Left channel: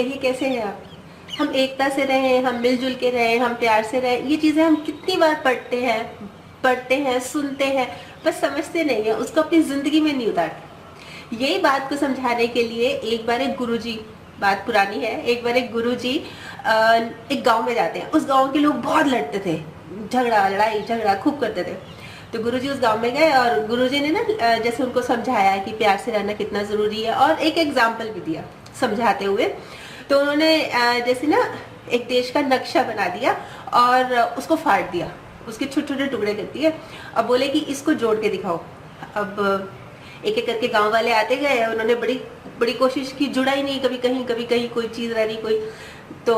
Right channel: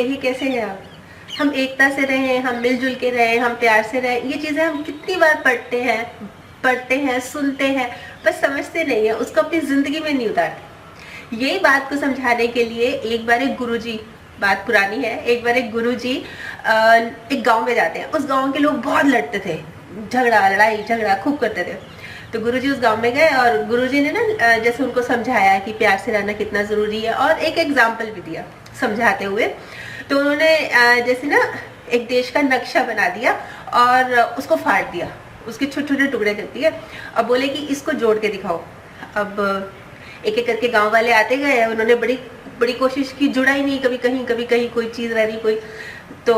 कहिए कैसे हैं आप? हम एकता से रहें, हम मिलजुल के रहें, हम प्यार से रहें, ये चीज़ें हम कितनी बार पढ़ते हैं, सुनते हैं, बस समझते नहीं है, उसको अपनी ज़िंदगी में नहीं उतारते। यही बात को समझाने के लिए एक बार एक गुरुजी, बात पुरानी है, एक बार एक गुरुजी एक गांव में जाते हैं। उस गांव के लोग बहुत लड़ते थे, लड़ाई झगड़ा खूब करते थे। तो गुरुजी उस गांव में गए और गुरुजी ने ना जैसे उनको समझाया कि प्यार से रहना कितना ज़रूरी है, और एक एग्जाम्पल भी दिया समझाते हुए। तो उन्होंने जैसे ना एक देश का नक्शा बना दिया और उसको फाड़ दिया, उसके छोटे छोटे टुकड़े कर दिए। अब बोले कि इसको जोड़ के दिखाओ। अब एक एक करके गांव वाले आते गए, उन्होंने बड़ी बड़ी कोशिश की, जुड़ा ही नहीं, कभी कहीं कोई चीज़ रह रही कोई। तो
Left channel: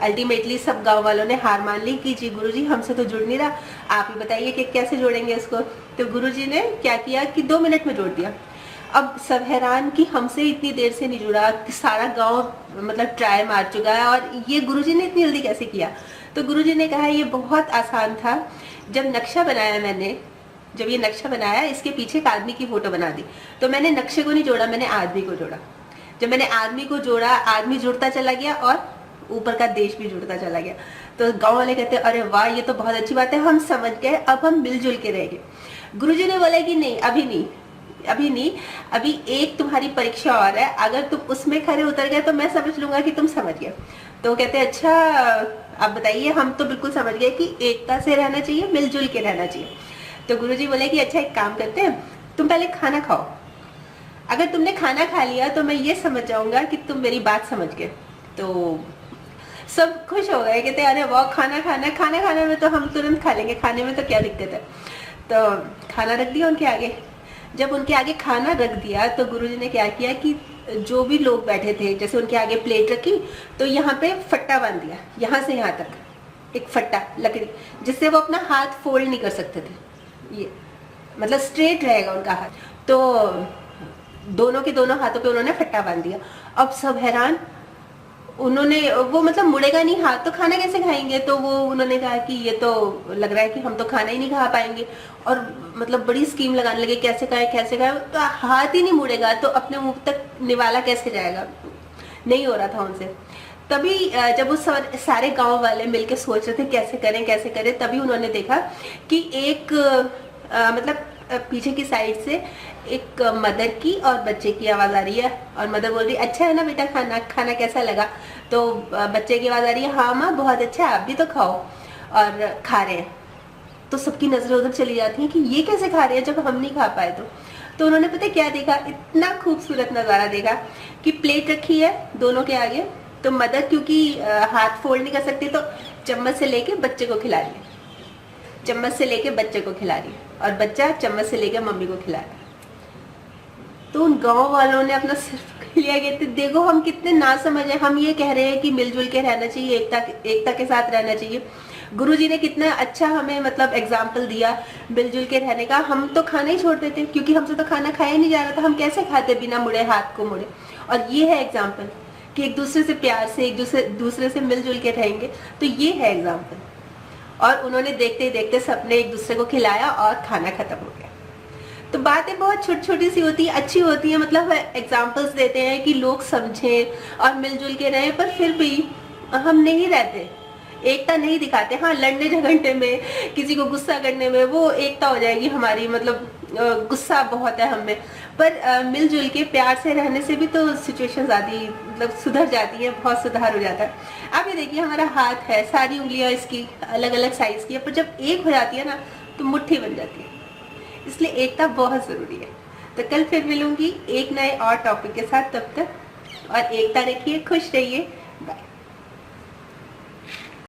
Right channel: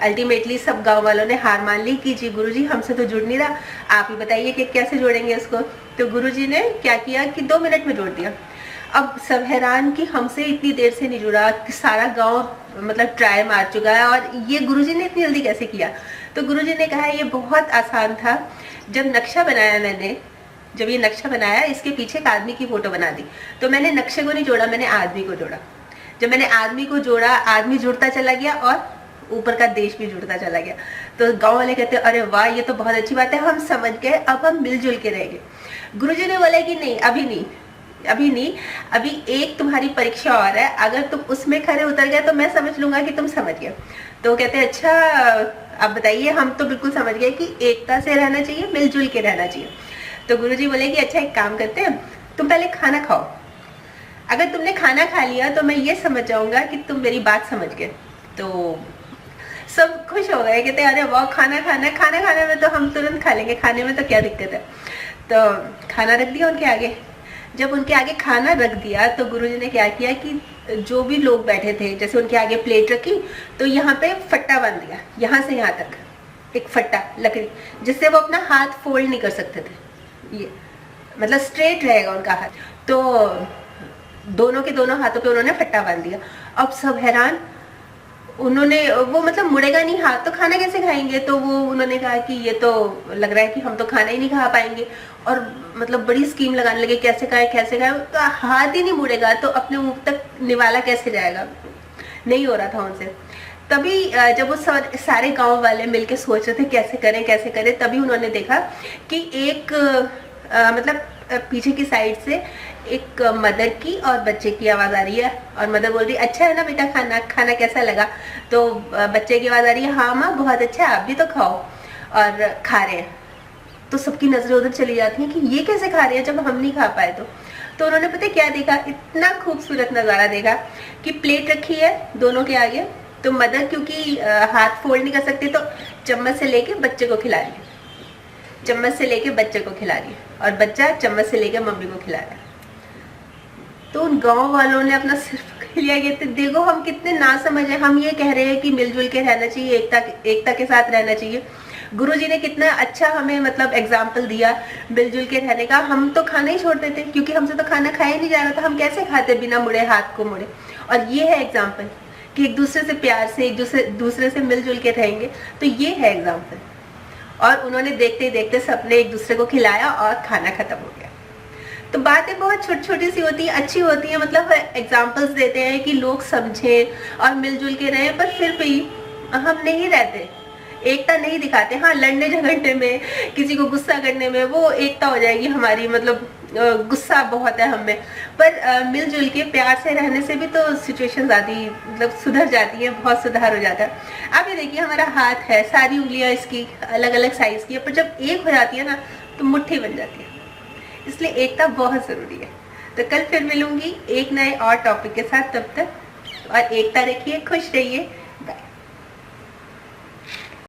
अल्टीमेटली सब गांव वालों ने हार मान ली कि जी गुरुजी हमसे तो जुड़ नहीं रहा, आप ही बताइए कि कैसे जोड़ेंगे इसको। तो गुरुजी ने क्या किया कि 2 मिनट में जोड़ दिया। अब सब हैरान कि हमसे इतनी देर से नहीं जुड़ा, कि सारा गांव मतलब ट्राई मार चुका है और ये गुरुजी ने इतनी जल्दी कैसे किया। तो गुरुजी ने कहा ये बहुत आसान था। जब नक्शा बनाया मैंने, जब ये नक्शा बनाया, इसके पीछे एक आदमी की फोटो बना दी। तो मैंने नक्शे को नहीं जोड़ा, मैंने आदमी को जोड़ा। जब मैंने आदमी को जोड़ा, आदमी जुड़ता चला गया और ऊपर का देश भी जुड़ता चला गया। तो गांव वाले कहते हैं अरे वाह, ये तो बहुत अच्छी बात है, हम समझ गए, अब हम मिलजुल के रहेंगे। गुरुजी ने बोला कि नहीं, अभी नहीं, अभी नहीं, अभी एक तुम्हारी परीक्षा और है, अगर तुम उसमें खरे उतर गए तो मैं समझ लूंगा कि तुम समझ गए। तो कहते हैं अच्छा आप बताइए। हम तो बिल्कुल समझ गए कि एकता से रहना चाहिए, मिलजुल के रहना चाहिए। तो गुरुजी बोले कि अच्छा एक काम करते हैं, तुम पहले खाना खाओ, अगर तुमने खाना खा लिया तो मैं ये समझ जाऊंगा कि तुम मेरी बात समझ गए। तो सब खुश हो गए, कहते अरे वाह, खाना खाना, खाना खाने में तो हम तुरंत खा लेंगे, खाने में तो क्या दिक्कत है। तो खाना रख दिया उनके आगे। जब उनके आगे खाना रख दिया तो गुरुजी ने क्या किया कि जो भी लोग बैठे थे, जैसे उनके आगे प्लेट रखी, तो यहाँ पे फट्टा बांध दिया, यहाँ से यहाँ तक एक फट्टा लकड़ी, जिससे वो अपना हाथ फोल्ड नहीं कर सकते थे, ये मतलब स्ट्रेट रहेगा उनका हाथ। तो दोनों के दोनों हाथों पे उन्होंने फट्टा बांध दिया। अब सब हैरान, उन्होंने वो मतलब मुड़ेगा नहीं हाथ, तो खाना कैसे खाएंगे। तो वो उन्होंने कहा कि ये तो लग रहा है कि हम तो खाना ही नहीं खा पाएंगे, और मतलब बड़ी स्कीम लगाने लगे, कैसे खाए कैसे खाए, तो हाथ ही नहीं मुड़ेगा तो अपने मुंह तक निवाला कैसे जाएगा, नहीं हो रहा था उनसे। तभी जब वो सारे गांव वाले मिलके सोच रहे थे कैसे करें, तभी उन्होंने देखा कि एक मतलब पीछे की साइड से एक मदर की और बच्चे की आवाज आ रही है, और मदर बोल रही है अच्छा है ना बेटा, खाना खाना कैसा लगा। तो बच्चे की आवाज आ रही है हाँ माँ बहुत अच्छा है, आप भी तो खाओ, और खा रहे हैं। तो सबकी नजरें उधर चली जाती हैं कि ये कैसे खा रहे हैं जब हम नहीं खा पाए। तो उन्होंने पता क्या देखा, इतना खूबसूरत नजारा देखा कि प्लेट रखी है दोनों के आगे, तो मदर क्योंकि हाथ फोल्ड नहीं कर सकती, तो चम्मच से लेके बच्चे को खिला रही, चम्मच से लेके बच्चे को खिला रही, और बच्चा चम्मच से लेके मम्मी को खिला रहा है। तो उन गांव वालों ने अपना सिर पकड़ लिया, कहते देखो हम कितने ना समझ है, हम ये कह रहे हैं कि मिलजुल के रहना चाहिए, एकता के साथ रहना चाहिए। गुरुजी ने कितना अच्छा हमें मतलब एग्जाम्पल दिया मिलजुल के रहने का। हम तो खाना ही छोड़ देते क्योंकि हमसे तो खाना खाया नहीं जा रहा था, हम कैसे खाते बिना मुड़े हाथ को मुड़े। और ये है एग्जाम्पल कि एक दूसरे से प्यार से, एक दूसरे से मिलजुल के रहेंगे, तो ये है एग्जाम्पल। और उन्होंने देखते ही देखते सबने एक दूसरे को खिलाया और खाना खत्म हो गया। तो बातें बहुत छोटी छोटी सी होती है, अच्छी होती है, मतलब एग्जाम्पल्स देते हैं कि लोग समझें और मिलजुल के रहें, पर फिर भी हम नहीं रहते, एकता नहीं दिखाते। हाँ, लड़ने झगड़ने में, किसी को गुस्सा करने में वो एकता हो जाएगी हमारी, मतलब गुस्सा बहुत है हमें, पर मिलजुल के प्यार से रहने से भी तो सिचुएशन ज्यादा मतलब सुधर जाती है, बहुत सुधार हो जाता है। आप ये देखिए हमारा हाथ है, सारी उंगलियां इसकी अलग अलग साइज की है, पर जब एक हो जाती है ना तो मुट्ठी बन जाती है। इसलिए एकता बहुत जरूरी है। तो कल फिर मिलूंगी एक नए और टॉपिक के साथ, तब तक और एकता रखिए, खुश रहिए।